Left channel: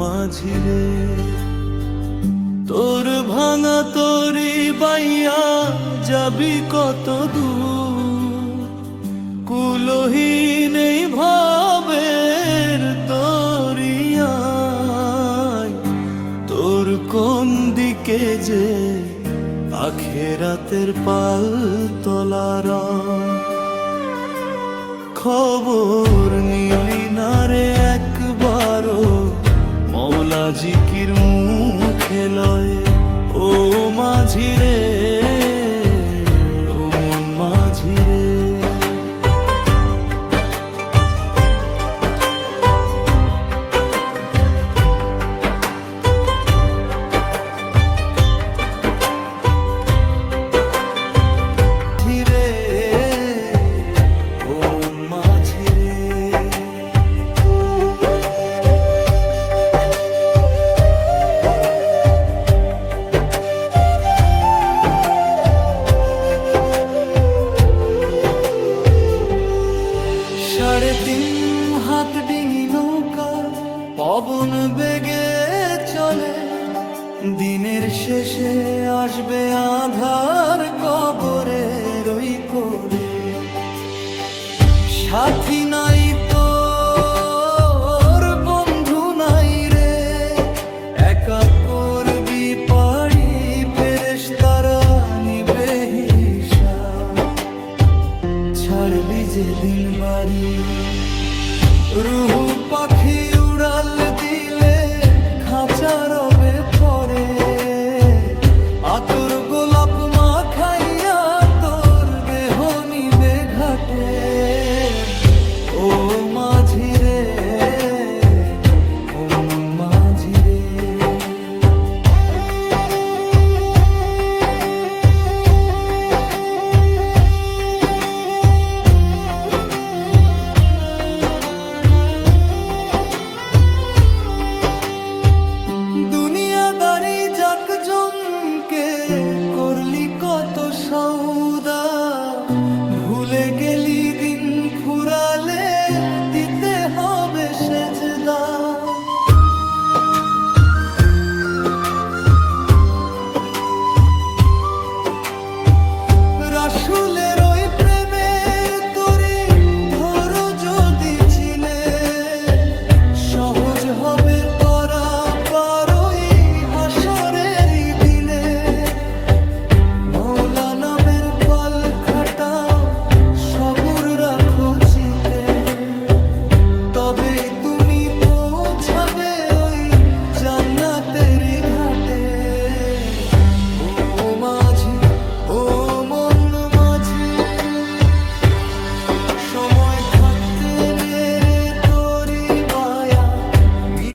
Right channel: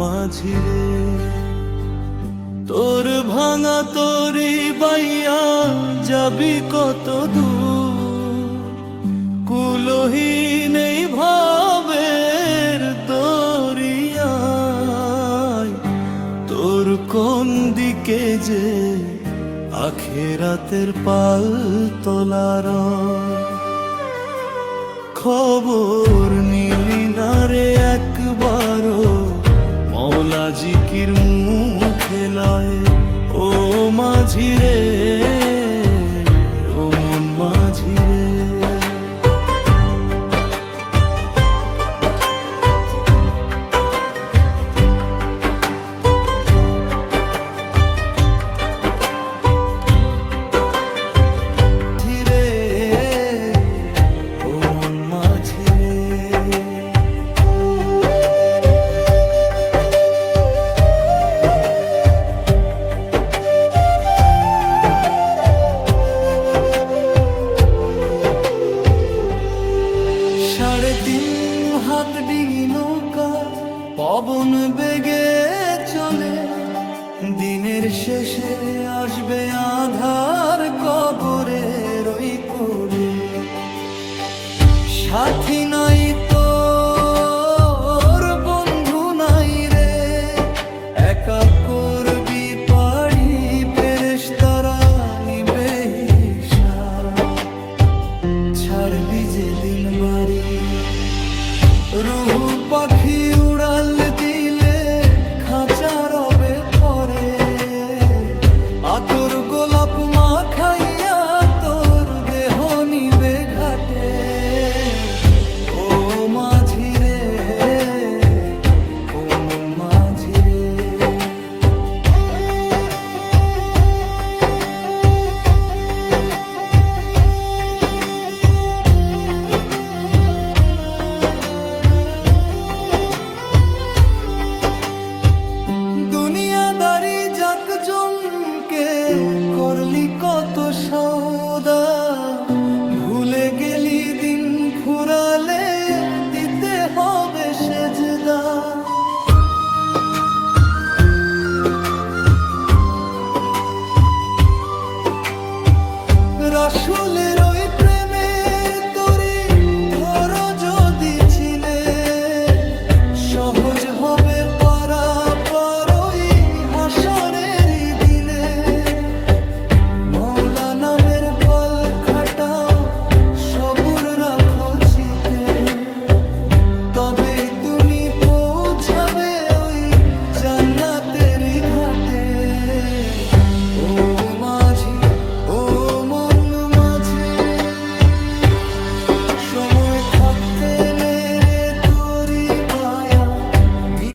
মাঝি রে, তোর ভাঙা তরি বাইয়া যাবি কত দূর, কুলহীন এই ভবের দরিয়ায়, তোর কোন দিকে যে আখেরাতের পাল তোলার খবর নিলি না রে একবারও, মওলা জিকির মুখে লয়। ও মাঝি রে, ও মন মাঝি রে, সাড়ে তিন হাত ডিঙি নৌকা পবন বেগে চলে, দিনের শেষে আসবে আধার কবরের ওই কোলে। সাথী নাই তোর, বন্ধু নাই রে, একা করবি পাড়ি, ফেরেশতারা নিবে হিসাব। ছাড়বি যে দিন বাড়ি, রুহু পাখি উড়াল দিলে খাঁচা রবে পরে, আতর গোলাপ মাখাইয়া তোর দেহ নিবে ঘাটে। ও মাঝি রে, ও মন মাঝি রে, দুনিয়াদারি যাক জমকে করলি কত সওদা, ভুলে গেলি দিন ফুরালে দিতে হবে সেজদা। রাসূলের ওই প্রেমের তরি ধরো যদি চিনে, সহজ হবে পারাপার ওই হাসরের দিনে। মওলা নামের পাল খাটাও, সবুর রাখো চিতে, তবেই তুমি পৌঁছাবে ওই জান্নাতেরই ঘাটে। ও মাঝি, ও মন মাঝি, সময়